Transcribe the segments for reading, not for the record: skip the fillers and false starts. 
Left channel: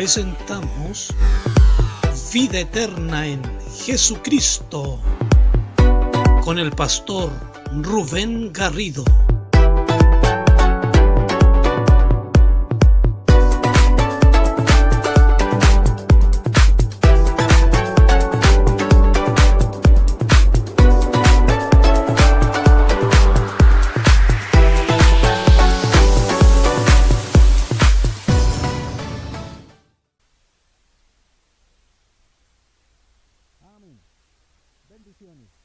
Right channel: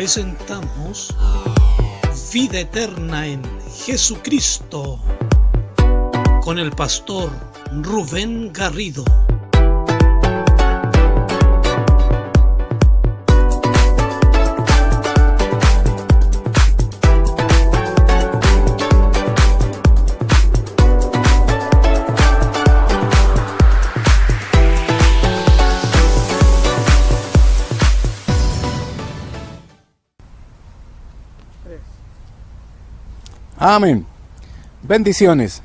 presentamos Vida Eterna en Jesucristo con el pastor Rubén Garrido. Amén. Bendiciones.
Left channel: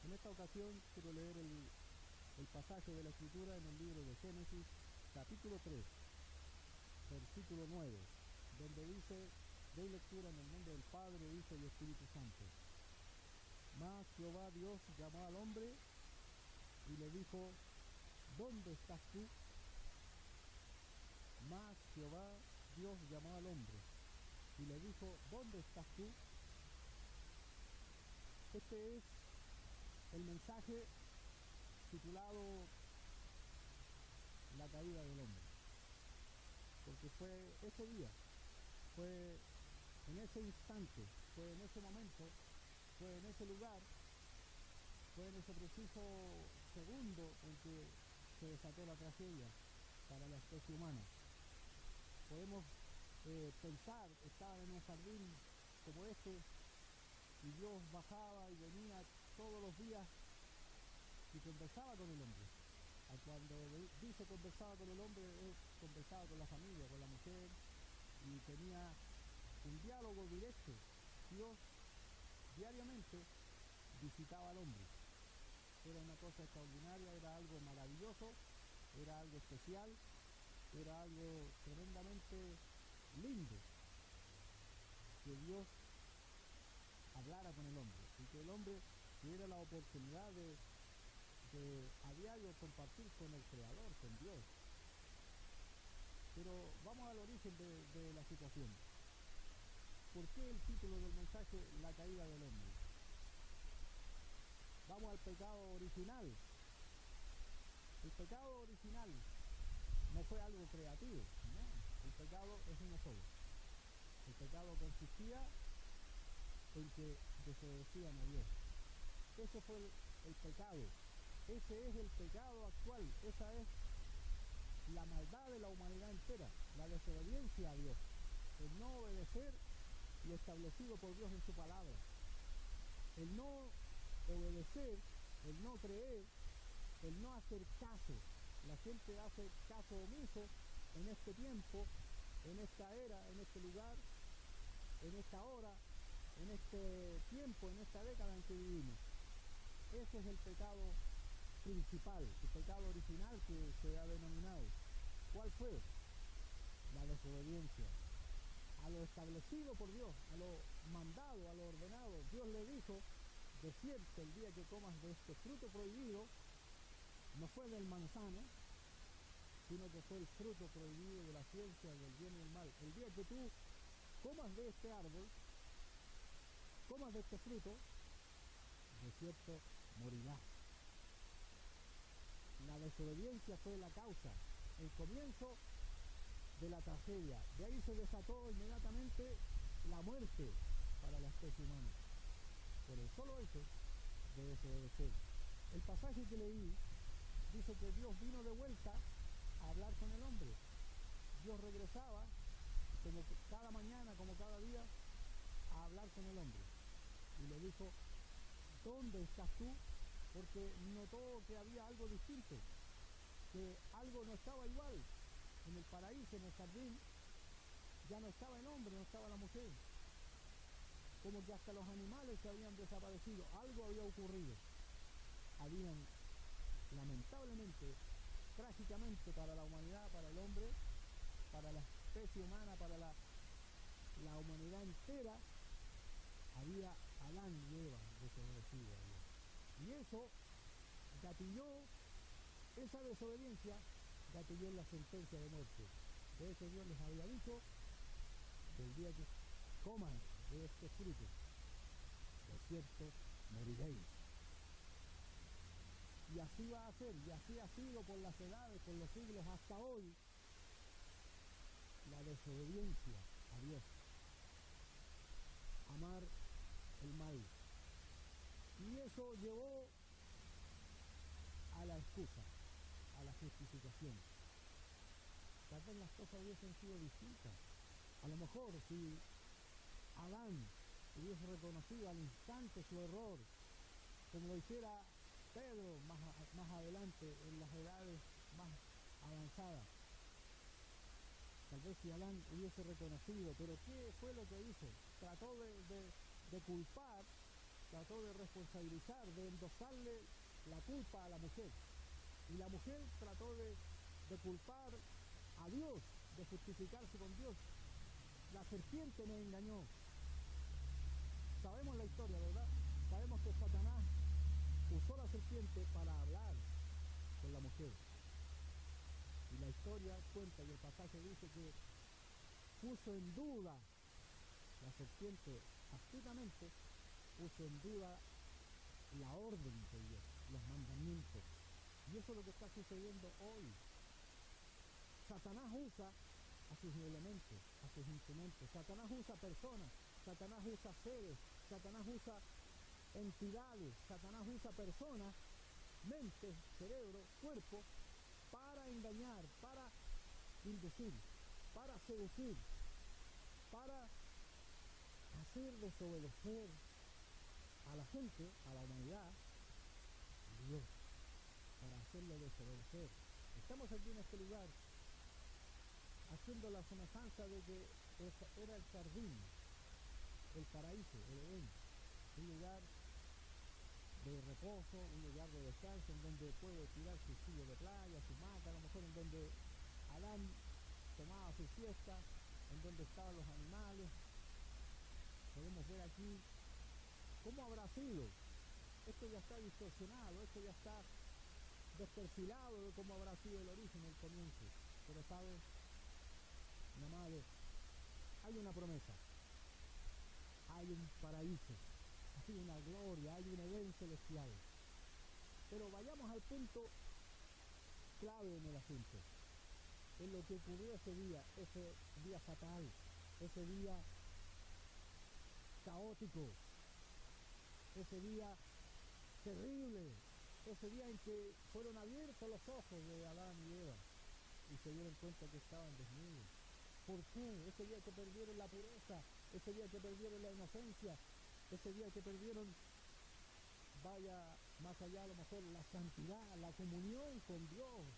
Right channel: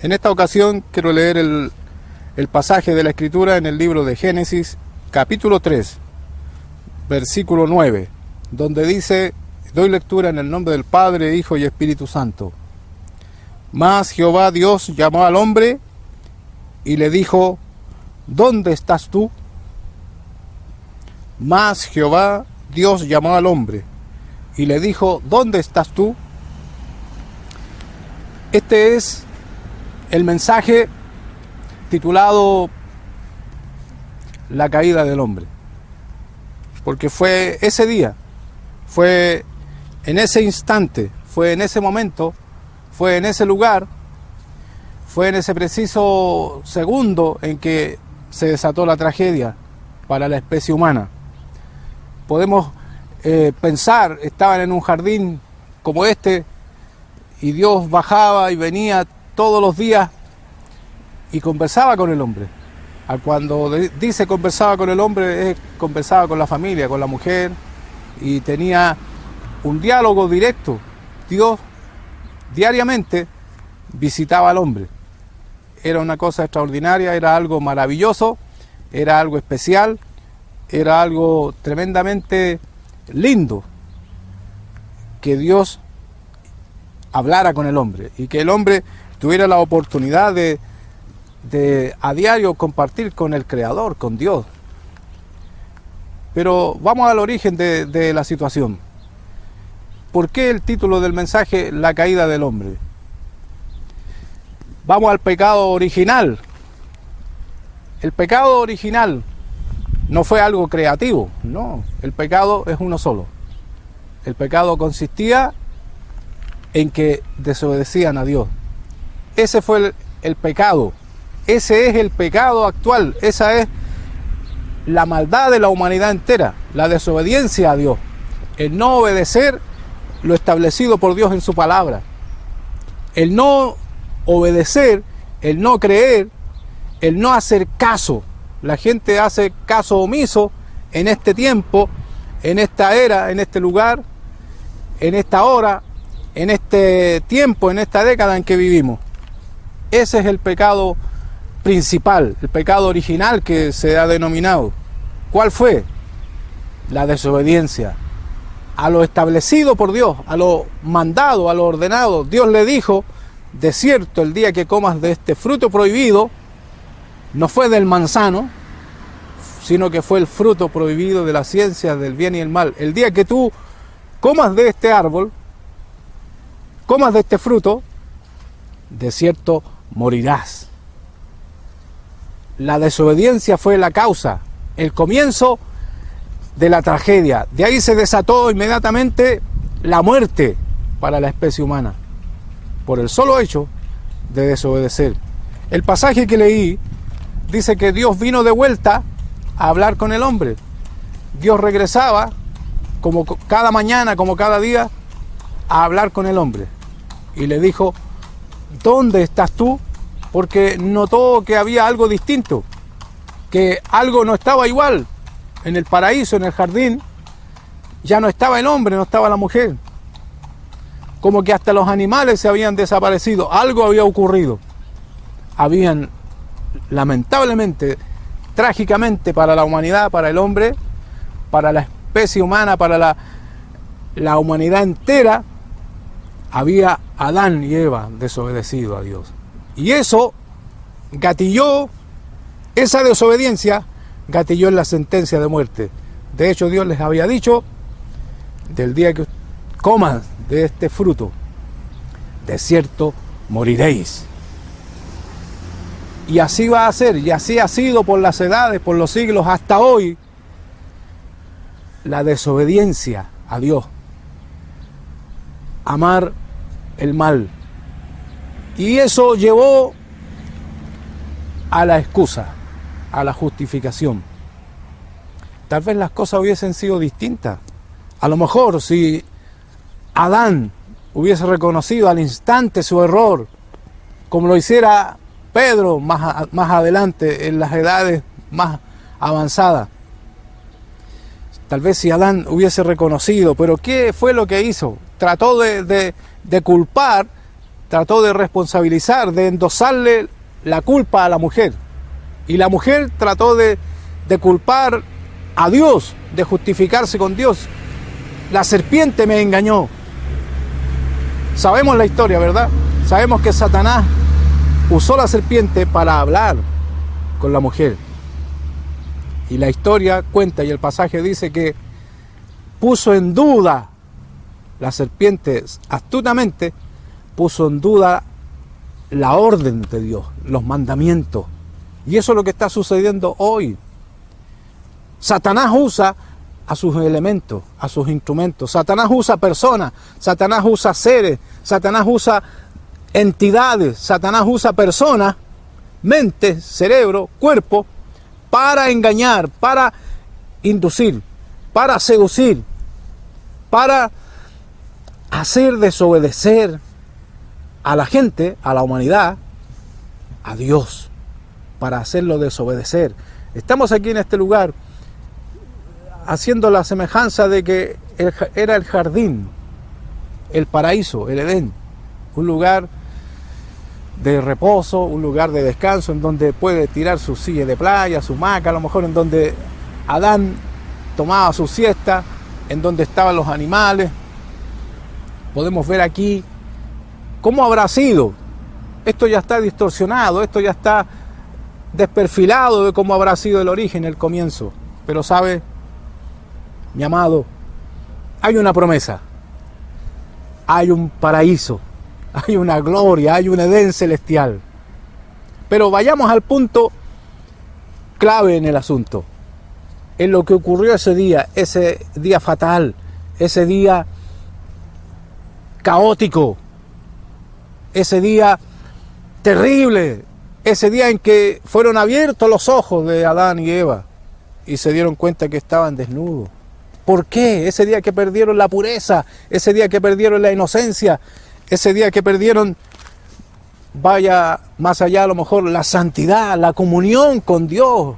En esta ocasión quiero leer el pasaje de la Escritura en el libro de Génesis, capítulo 3, versículo 9, donde dice, doy lectura en el nombre del Padre, Hijo y Espíritu Santo. Mas Jehová Dios llamó al hombre y le dijo, ¿dónde estás tú? Mas Jehová Dios llamó al hombre y le dijo, ¿dónde estás tú? Este es el mensaje titulado La caída del hombre, porque fue ese día, fue en ese instante, fue en ese momento, fue en ese lugar, fue en ese preciso segundo en que se desató la tragedia para la especie humana. Podemos pensar, estaban en un jardín como este, y Dios bajaba y venía todos los días y conversaba con el hombre. Cuando dice conversaba con el hombre, conversaba con la familia, con la mujer, y tenía un diálogo directo. Dios diariamente visitaba al hombre. Era una cosa extraordinaria, era algo maravilloso, era algo especial, era algo tremendamente lindo que Dios hablara con el hombre y que el hombre tuviera la oportunidad de a diario compartir con el Creador, con Dios. Pero vamos al origen de la situación. ¿Por qué el título del mensaje, La caída del hombre? Vamos al pecado original. El pecado original no fue algo creativo, no. El pecado es uno solo. El pecado consistía en que desobedecían a Dios. Ese fue el pecado. Ese es el pecado actual. Esa es la maldad de la humanidad entera, la desobediencia a Dios. El no obedecer lo establecido por Dios en su palabra. El no obedecer, el no creer, el no hacer caso. La gente hace caso omiso en este tiempo, en esta era, en este lugar, en esta hora, en este tiempo, en esta década en que vivimos. Ese es el pecado principal, el pecado original que se ha denominado. ¿Cuál fue? La desobediencia a lo establecido por Dios, a lo mandado, a lo ordenado. Dios le dijo, de cierto, el día que comas de este fruto prohibido, no fue del manzano, sino que fue el fruto prohibido de la ciencia del bien y el mal. El día que tú comas de este árbol, comas de este fruto, de cierto morirás. La desobediencia fue la causa, el comienzo de la tragedia. De ahí se desató inmediatamente la muerte para la especie humana, por el solo hecho de desobedecer. El pasaje que leí dice que Dios vino de vuelta a hablar con el hombre. Dios regresaba, como cada mañana, como cada día, a hablar con el hombre. Y le dijo, ¿dónde estás tú? Porque notó que había algo distinto, que algo no estaba igual. En el paraíso, en el jardín, ya no estaba el hombre, no estaba la mujer. Como que hasta los animales se habían desaparecido, algo había ocurrido. Habían, lamentablemente, trágicamente para la humanidad, para el hombre, para la especie humana, para la humanidad entera, había Adán y Eva desobedecido a Dios. Y eso gatilló, esa desobediencia gatilló en la sentencia de muerte. De hecho, Dios les había dicho, del día que coman de este fruto, de cierto moriréis. Y así va a ser, y así ha sido por las edades, por los siglos, hasta hoy. La desobediencia a Dios, amar el mal. Y eso llevó a la excusa, a la justificación. Tal vez las cosas hubiesen sido distintas. A lo mejor si Adán hubiese reconocido al instante su error, como lo hiciera Pedro más adelante, en las edades más avanzadas. Tal vez si Adán hubiese reconocido, pero ¿qué fue lo que hizo? Trató de culpar, trató de responsabilizar, de endosarle la culpa a la mujer. Y la mujer trató de culpar a Dios, de justificarse con Dios. La serpiente me engañó. Sabemos la historia, ¿verdad? Sabemos que Satanás usó la serpiente para hablar con la mujer. Y la historia cuenta, y el pasaje dice que puso en duda, la serpiente astutamente puso en duda la orden de Dios, los mandamientos. Y eso es lo que está sucediendo hoy. Satanás usa a sus elementos, a sus instrumentos. Satanás usa personas, Satanás usa seres, Satanás usa entidades, Satanás usa personas, mente, cerebro, cuerpo, para engañar, para inducir, para seducir, para hacer desobedecer a la gente, a la humanidad, a Dios, para hacerlo desobedecer. Estamos aquí en este lugar haciendo la semejanza de que era el jardín, el paraíso, el Edén, un lugar de reposo, un lugar de descanso en donde puede tirar su silla de playa, su hamaca, a lo mejor en donde Adán tomaba su siesta, en donde estaban los animales. Podemos ver aquí cómo habrá sido. Esto ya está distorsionado, esto ya está desperfilado de cómo habrá sido el origen, el comienzo. Pero sabe, mi amado, hay una promesa, hay un paraíso, hay una gloria, hay un Edén celestial. Pero vayamos al punto clave en el asunto, en lo que ocurrió ese día fatal, ese día caótico, ese día terrible, ese día en que fueron abiertos los ojos de Adán y Eva y se dieron cuenta que estaban desnudos. ¿Por qué? Ese día que perdieron la pureza, ese día que perdieron la inocencia, ese día que perdieron, vaya más allá a lo mejor, la santidad, la comunión con Dios,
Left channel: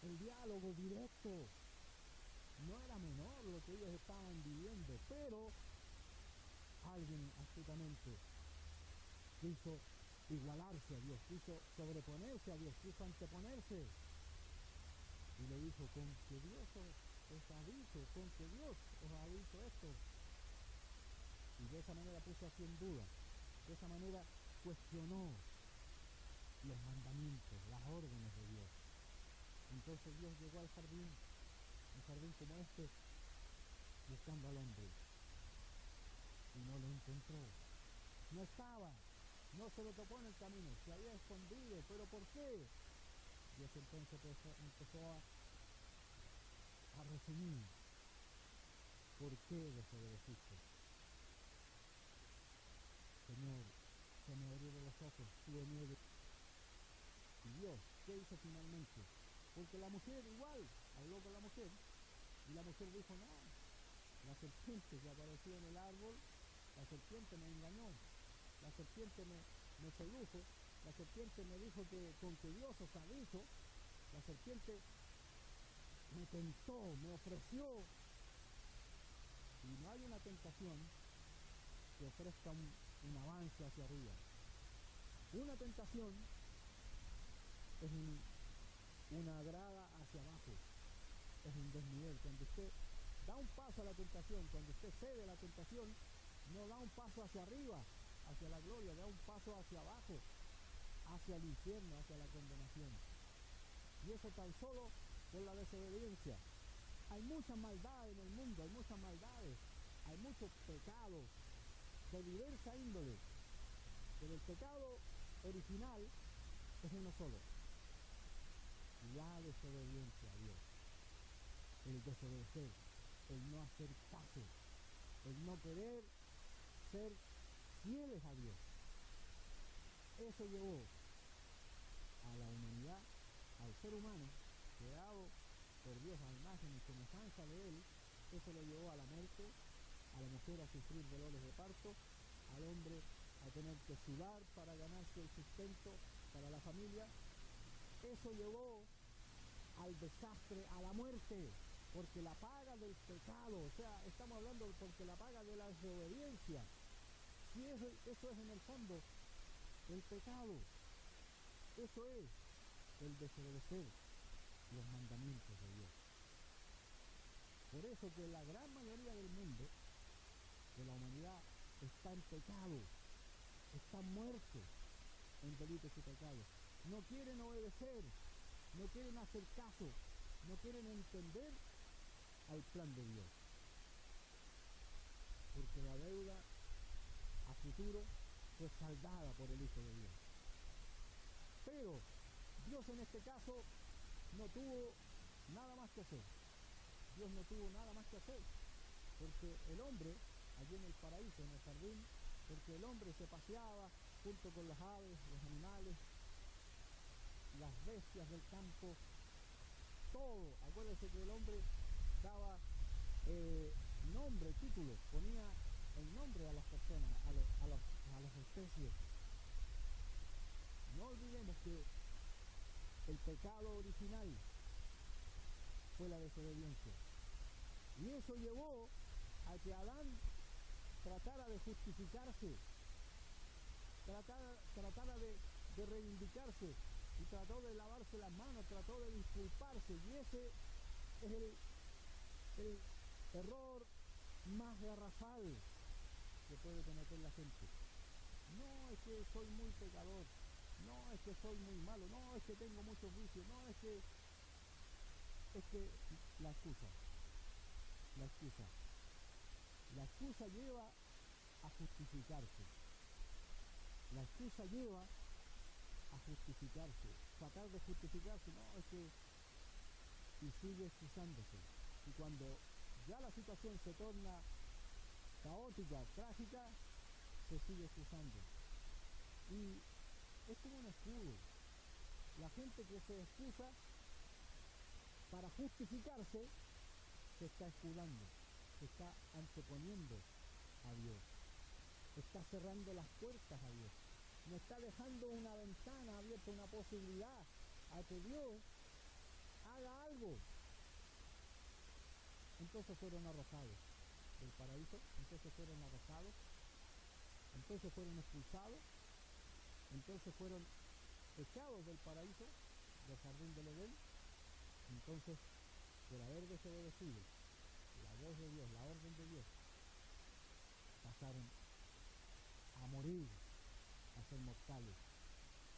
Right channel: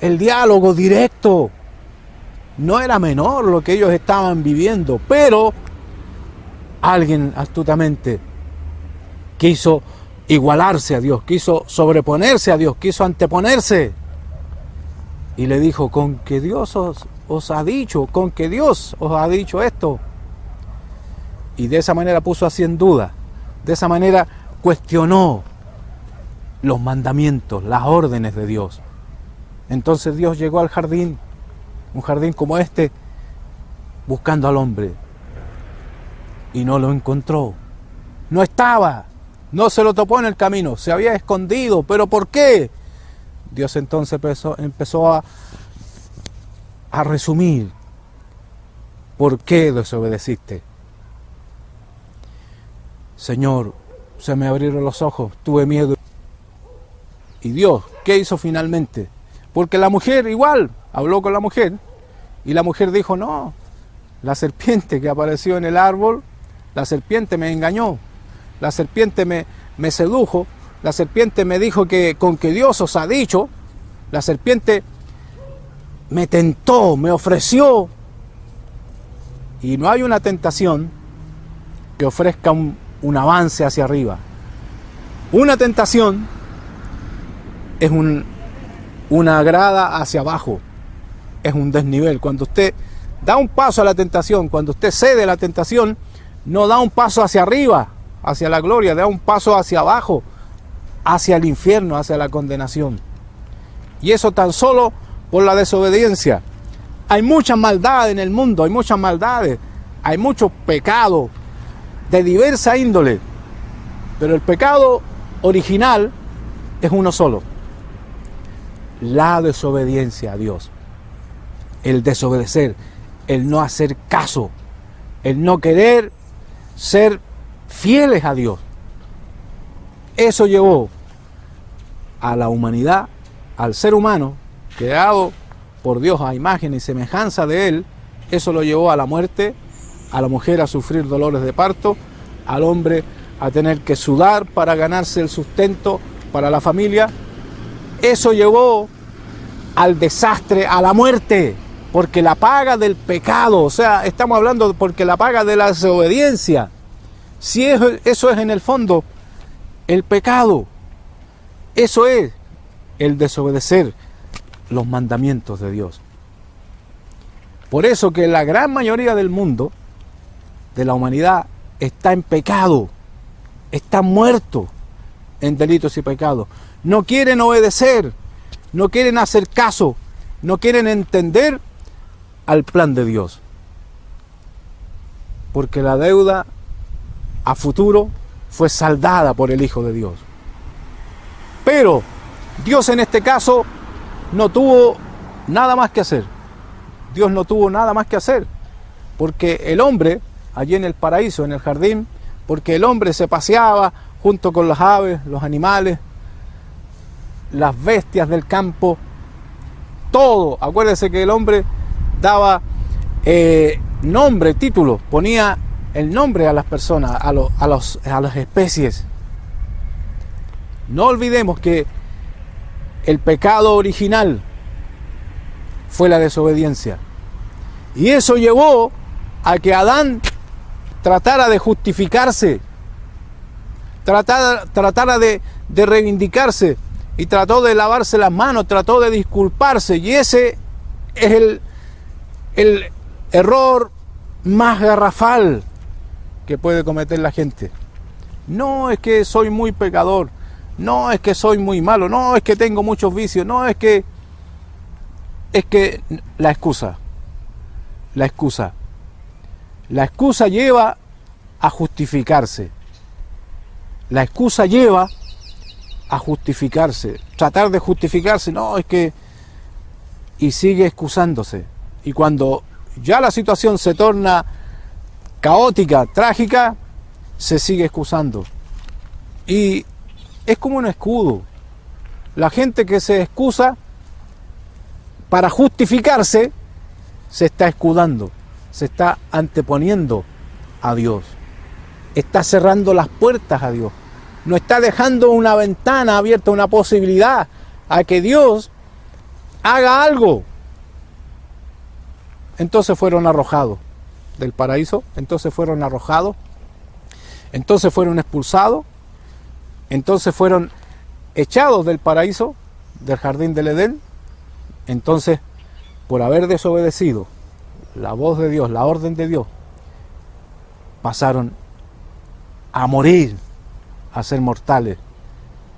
el diálogo directo. No era menor lo que ellos estaban viviendo, pero alguien astutamente quiso igualarse a Dios, quiso sobreponerse a Dios, quiso anteponerse. Y le dijo, con que Dios os ha dicho, con que Dios os ha dicho esto. Y de esa manera puso así en duda, de esa manera cuestionó los mandamientos, las órdenes de Dios. Entonces Dios llegó al jardín, un jardín como este, buscando al hombre. Y no lo encontró. No estaba, no se lo topó en el camino, se había escondido. ¿Pero por qué? Dios entonces empezó a resumir. ¿Por qué desobedeciste? Señor, se me abrieron los ojos, tuve miedo. Y Dios, ¿qué hizo finalmente? Porque la mujer igual, habló con la mujer, y la mujer dijo, no, la serpiente que apareció en el árbol, la serpiente me engañó, la serpiente me sedujo, la serpiente me dijo que con que Dios os ha dicho, la serpiente me tentó, me ofreció. Y no hay una tentación que ofrezca un avance hacia arriba. Una tentación es una grada hacia abajo, es un desnivel. Cuando usted da un paso a la tentación, cuando usted cede a la tentación, no da un paso hacia arriba, hacia la gloria, da un paso hacia abajo, hacia el infierno, hacia la condenación. Y eso tan solo por la desobediencia. Hay mucha maldad en el mundo, hay muchas maldades, hay mucho pecado de diversa índole, pero el pecado original es uno solo: la desobediencia a Dios, el desobedecer, el no hacer caso, el no querer ser fieles a Dios. Eso llevó a la humanidad, al ser humano, creado por Dios a imagen y semejanza de Él, eso lo llevó a la muerte, a la mujer a sufrir dolores de parto, al hombre a tener que sudar para ganarse el sustento para la familia. Eso llevó al desastre, a la muerte, porque la paga del pecado, o sea, estamos hablando porque la paga de la desobediencia, si eso es en el fondo el pecado, eso es el desobedecer los mandamientos de Dios. Por eso que la gran mayoría del mundo, de la humanidad, está en pecado, está muerto en delitos y pecados. No quieren obedecer, no quieren hacer caso, no quieren entender al plan de Dios. Porque la deuda a futuro fue saldada por el Hijo de Dios. Pero Dios en este caso no tuvo nada más que hacer. Dios no tuvo nada más que hacer. Porque el hombre, allí en el paraíso, en el jardín, porque el hombre se paseaba junto con las aves, los animales, las bestias del campo, todo. Acuérdense que el hombre daba nombre, título, ponía el nombre a las personas, a las especies. No olvidemos que el pecado original fue la desobediencia. Y eso llevó a que Adán tratara de justificarse, tratara de reivindicarse, y trató de lavarse las manos, trató de disculparse. Y ese es el error más garrafal que puede cometer la gente. No es que soy muy pecador, no es que soy muy malo, no es que tengo muchos vicios, no es que la excusa lleva a justificarse. La excusa lleva a justificarse, tratar de justificarse, no, es que... y sigue excusándose. Y cuando ya la situación se torna caótica, trágica, se sigue excusando. Y es como un escudo. La gente que se excusa para justificarse, se está escudando, se está anteponiendo a Dios. Está cerrando las puertas a Dios. No está dejando una ventana abierta, una posibilidad a que Dios haga algo. Entonces fueron arrojados del paraíso, entonces fueron arrojados, entonces fueron expulsados, entonces fueron echados del paraíso, del jardín del Edén. Entonces, por haber desobedecido la voz de Dios, la orden de Dios, pasaron a morir, a ser mortales,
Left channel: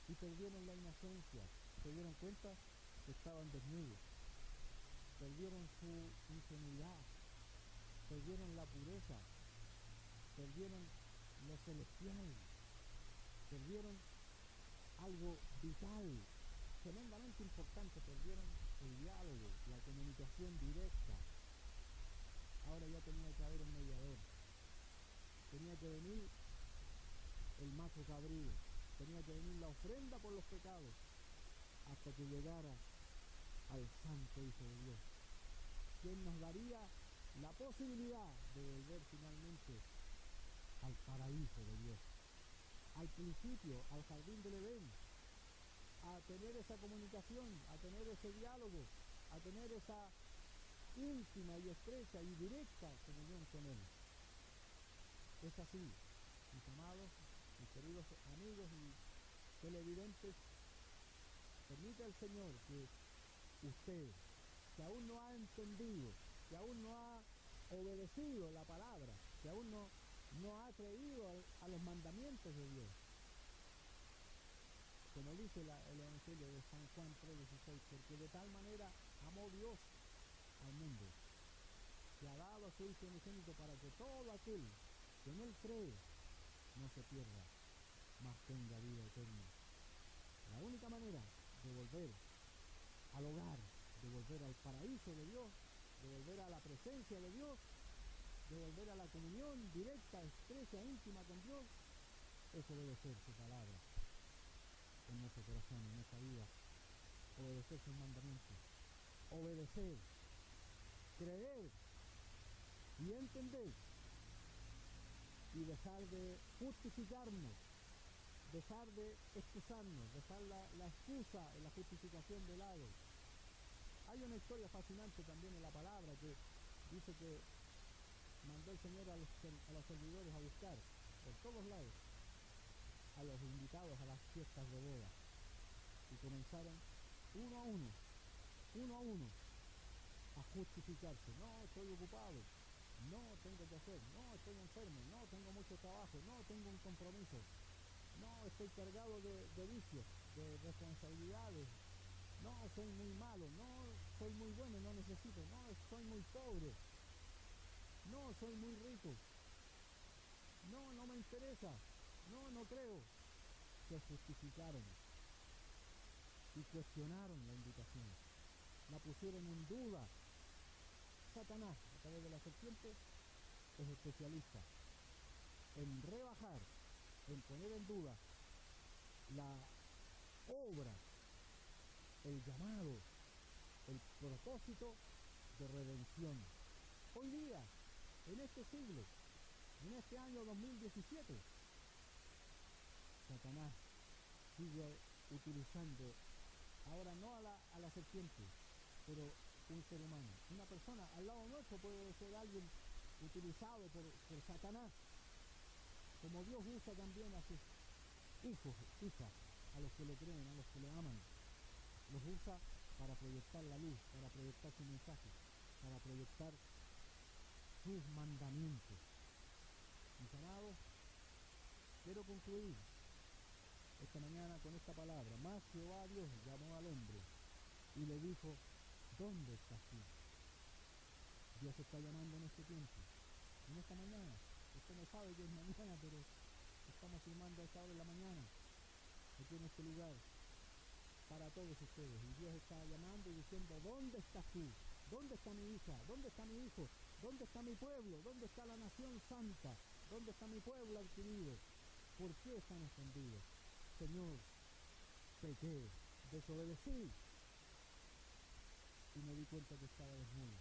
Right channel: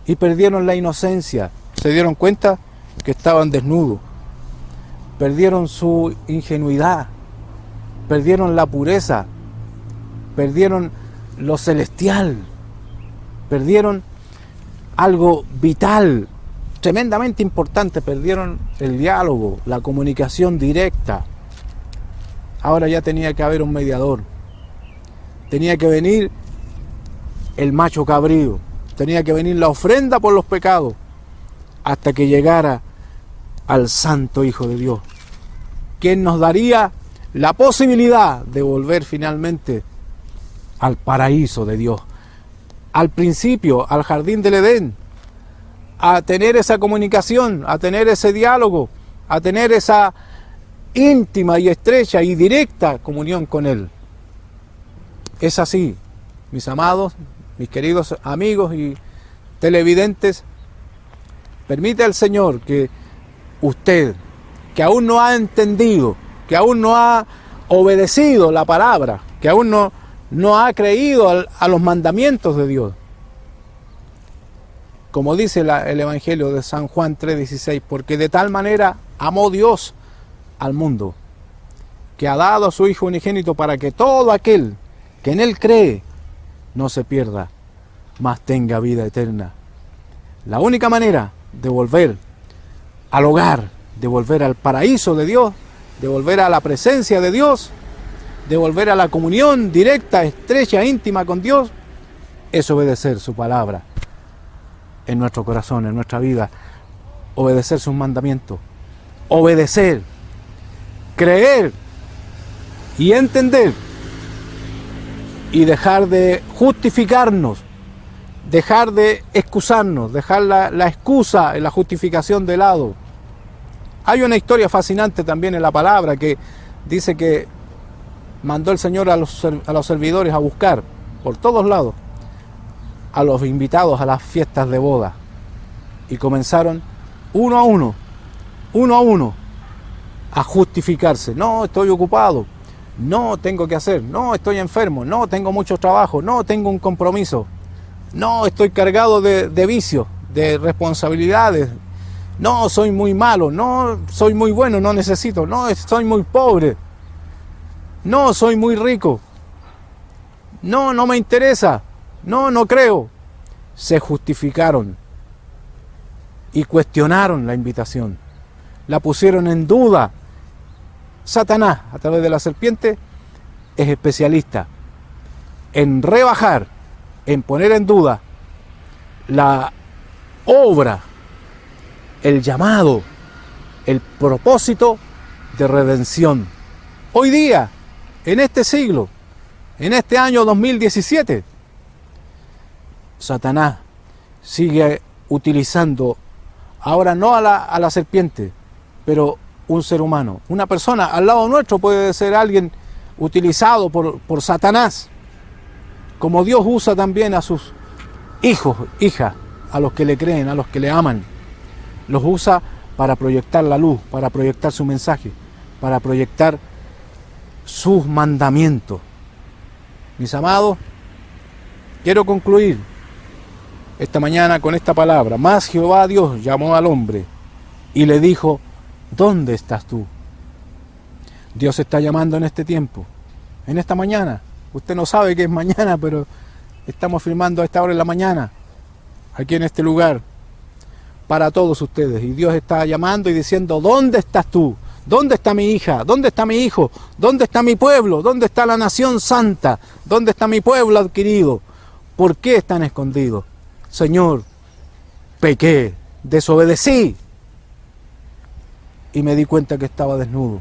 y perdieron la inocencia. Se dieron cuenta que estaban desnudos, perdieron su ingenuidad, perdieron la pureza, perdieron lo celestial, perdieron algo vital, tremendamente importante, perdieron el diálogo, la comunicación directa. Ahora ya tenía que haber un mediador, tenía que venir el macho cabrío, tenía que venir la ofrenda por los pecados, hasta que llegara al Santo Hijo de Dios, quien nos daría la posibilidad de volver finalmente al paraíso de Dios, al principio, al jardín del Edén, a tener esa comunicación, a tener ese diálogo, a tener esa íntima y estrecha y directa comunión con Él. Es así, mis amados, mis queridos amigos y televidentes, permite al Señor que usted, que aún no ha entendido, que aún no ha obedecido la palabra, que aún no ha creído a los mandamientos de Dios, como dice el Evangelio de San Juan 3:16, porque de tal manera amó Dios al mundo, que ha dado a su Hijo unigénito para que todo aquel que en Él cree no se pierda, mas tenga vida eterna. La única manera de volver al hogar, de volver al paraíso de Dios, de volver a la presencia de Dios, de volver a la comunión directa, estrecha, íntima con Dios, es obedecer su palabra en nuestro corazón, en nuestra vida, obedecer sus mandamientos, obedecer, creer y entender, y dejar de justificarnos, dejar de excusarnos, dejar la excusa, la justificación de lado. Hay una historia fascinante también en la palabra que dice que mandó el Señor a los servidores a buscar por todos lados a los invitados a las fiestas de boda, y comenzaron uno a uno a justificarse. No, estoy ocupado, no, tengo que hacer, no, estoy enfermo, no, tengo mucho trabajo, no, tengo un compromiso, no, estoy cargado de vicios, de responsabilidades, no, soy muy malo, no, soy muy bueno, no necesito, no, soy muy pobre, no, soy muy rico, no, no me interesa, no, no creo. Se justificaron y cuestionaron la invitación, la pusieron en duda. Satanás, a través de la serpiente, es especialista en rebajar, en poner en duda la obra, el llamado, el propósito de redención. Hoy día, en este siglo, en este año 2017, Satanás sigue utilizando, ahora no a la serpiente, pero un ser humano, una persona al lado nuestro puede ser alguien utilizado por Satanás, como Dios usa también a sus hijos, hijas, a los que le creen, a los que le aman. Los usa para proyectar la luz, para proyectar su mensaje, para proyectar sus mandamientos. Mis amados, quiero concluir esta mañana con esta palabra. Mas Jehová Dios llamó al hombre y le dijo: ¿dónde estás tú? Dios está llamando en este tiempo, en esta mañana. Usted no sabe que es mañana, pero estamos filmando a esta hora en la mañana, aquí en este lugar, para todos ustedes. Y Dios está llamando y diciendo: ¿dónde estás tú? ¿Dónde está mi hija? ¿Dónde está mi hijo? ¿Dónde está mi pueblo? ¿Dónde está la nación santa? ¿Dónde está mi pueblo adquirido? ¿Por qué están escondidos? Señor, pequé, desobedecí y me di cuenta que estaba desnudo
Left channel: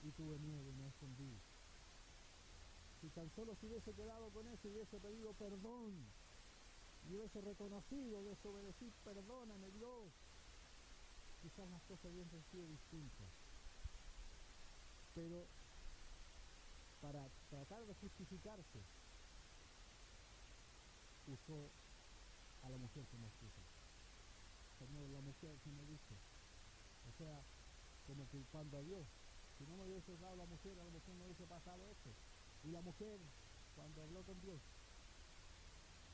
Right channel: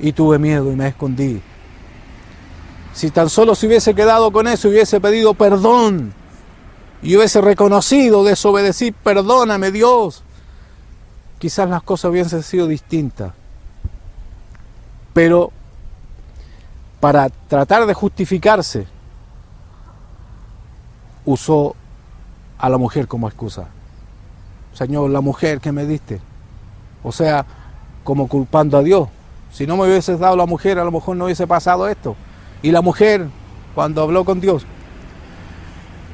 y tuve miedo y me escondí. Si tan solo se hubiese quedado con eso, hubiese pedido perdón y hubiese reconocido, desobedecí, perdóname Dios, quizás las cosas hubiesen sido distintas. Pero para tratar de justificarse, usó a la mujer como excusa. Señor, la mujer que me diste. O sea, como culpando a Dios. Si no me hubieses dado la mujer, a lo mejor no hubiese pasado esto. Y la mujer, cuando habló con Dios,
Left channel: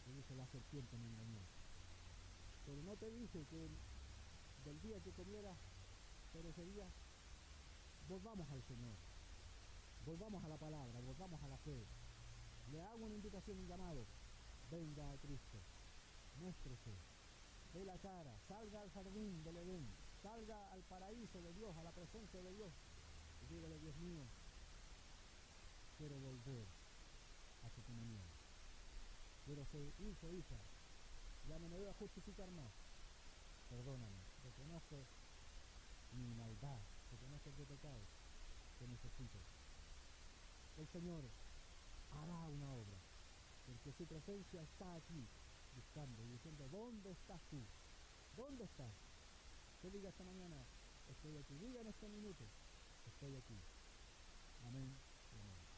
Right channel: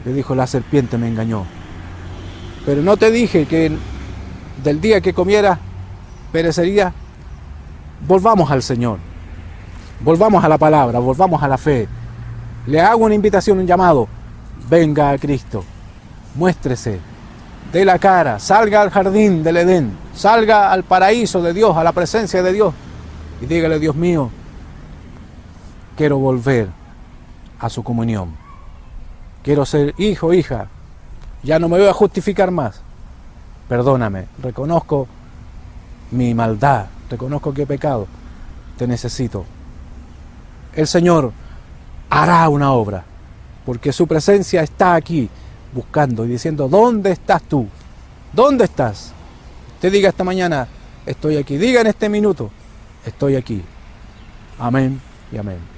le dijo: la serpiente me engañó. Pero no te dije que del día que comieras perecería. Volvamos al Señor, volvamos a la palabra, volvamos a la fe. Le hago una invitación, un llamado: venga a Cristo, muéstrese, dé la cara, salga al jardín del Edén, salga al paraíso de Dios, a la presencia de Dios, y dígale: Dios mío, quiero volver a su comunión, quiero ser hijo, hija, ya no me voy a justificar más, perdóname, reconozco mi maldad, reconozco que he pecado, te necesito. El Señor hará una obra, porque su presencia está aquí, buscando y diciendo: ¿dónde estás tú? ¿Dónde estás? Te diga esta mañana: estoy aquí. Diga en este minuto: estoy aquí. Amén y amén.